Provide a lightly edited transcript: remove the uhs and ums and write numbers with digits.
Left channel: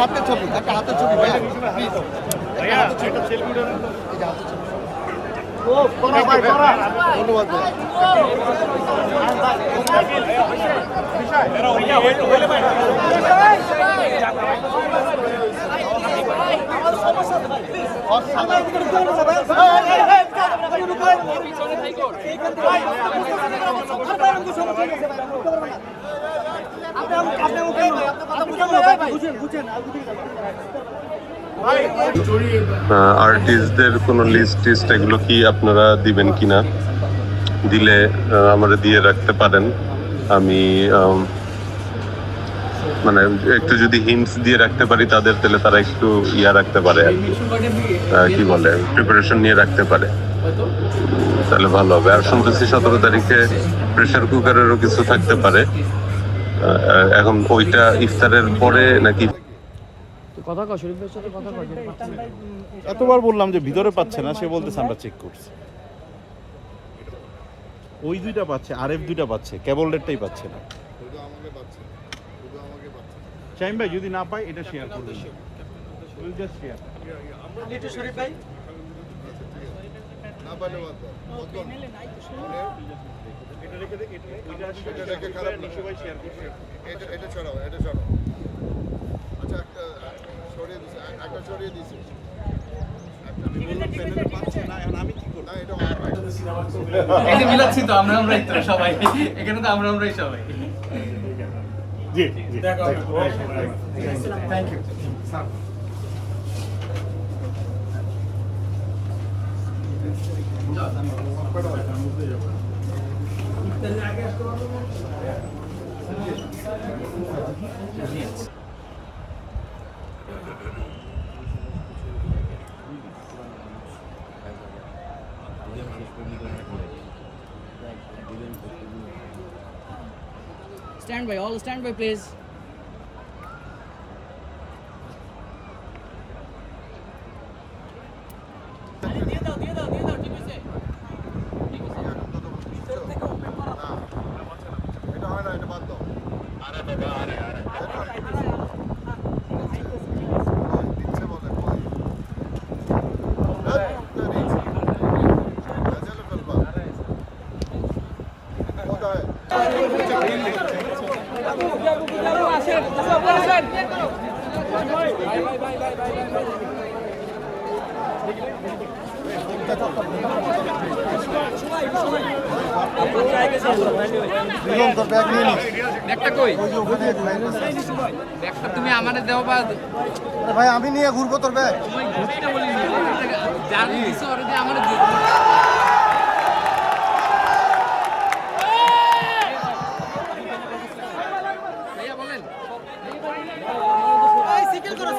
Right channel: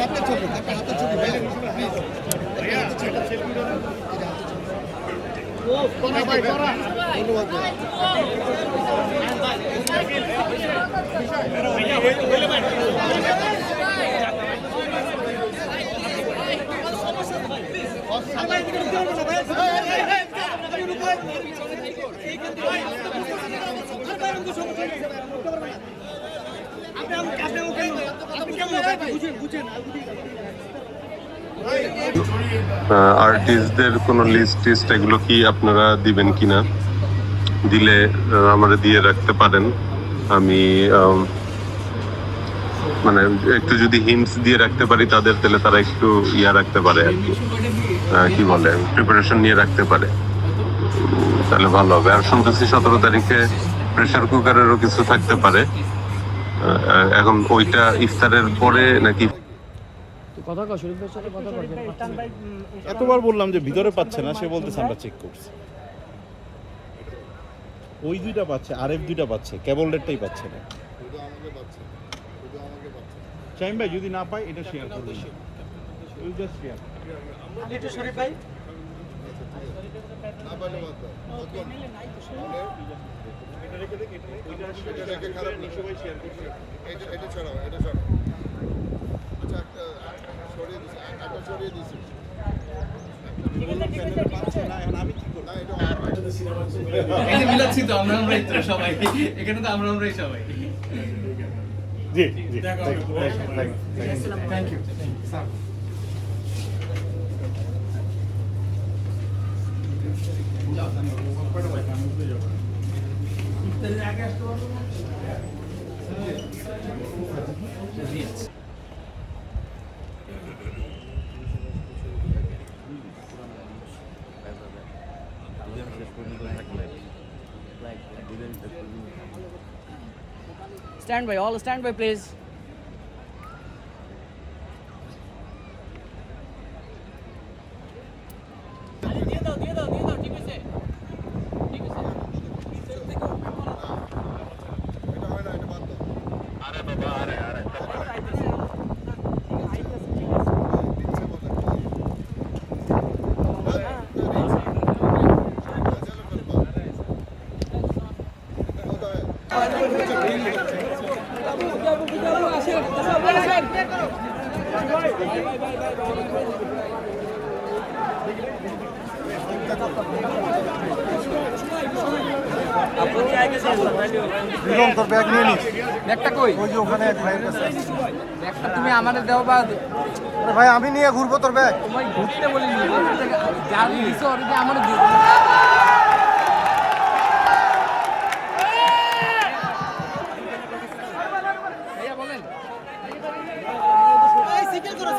হাতের ছবি ভাই প্লিজ একটা হাতের ছবি ধন্যবাদ আর্টিস্টদের কোনো লিস্ট এগুলো কি আপনারা দিবেন কিনা? দিলে আমরা দিয়ে রাখতে পারেন। আমি মানে একটু যদি হিন্টস দিয়ে রাখতে পারি তাদের, তাহলে তারা একটু রাখতে পারে আর কি, কি বলে, প্রিপারেশন নিয়ে রাখতে পারে, তাহলে ভালো হবে। আর শুনতেছি 17 তারিখে প্রেসার কুকারেরও কিছু থাকতে পারে। এখন ওইটা ইফতারের পরে নাকি? কথা কও, শরীফের সাথে কথা কও। এতবার বললাম যে ভিতরে পাচ্ছে না, সে বলতেছে আমরা চেক করছি। ওই দুইটা পাচ্ছে, আরএফ দুইটা পাচ্ছে, কেবল রেটটাই পাচ্ছে না। শাহিম ভাই যদি না পাই এটা শেয়ার করবেন, উইল জাস্ট শেয়ার। আমি একটু শরীফ ভাই না পাইলে বাদ দাও এটা রেখে দেখ, এটা রেখে খারাপ না, সবাই শেয়ার করছে। এটা ছড়াও আচ্ছা একটা সরিয়ে দিছি বললাম প্যানেলে পাচ্ছে না, এখন আমি কি করব? না এটা এই যে মিলাচ্ছি তো আমরাই তো সবাই, এখানে তো আমরাই সবাই। জি জি, thank you sir. Stand by, all stand by please. এটা হয় না, এটা বাদ দাও দিচ্ছে বলে তোর ব্যাগ নিয়ে নিস। ব্যাগটা কই? ওই যে ওখানে এক ভাইয়ের কাছে। ব্যাগটা তুমি আমারে দাও বা আরে ভাই আমি নিয়ে ঘুরবো তোর ব্যাগ। তোমায় ঘুরতে বলিনি, যা দিছো ওরে দিয়ে আমারে দিও। ভাইয়া বলেন। এই সিকেল করো।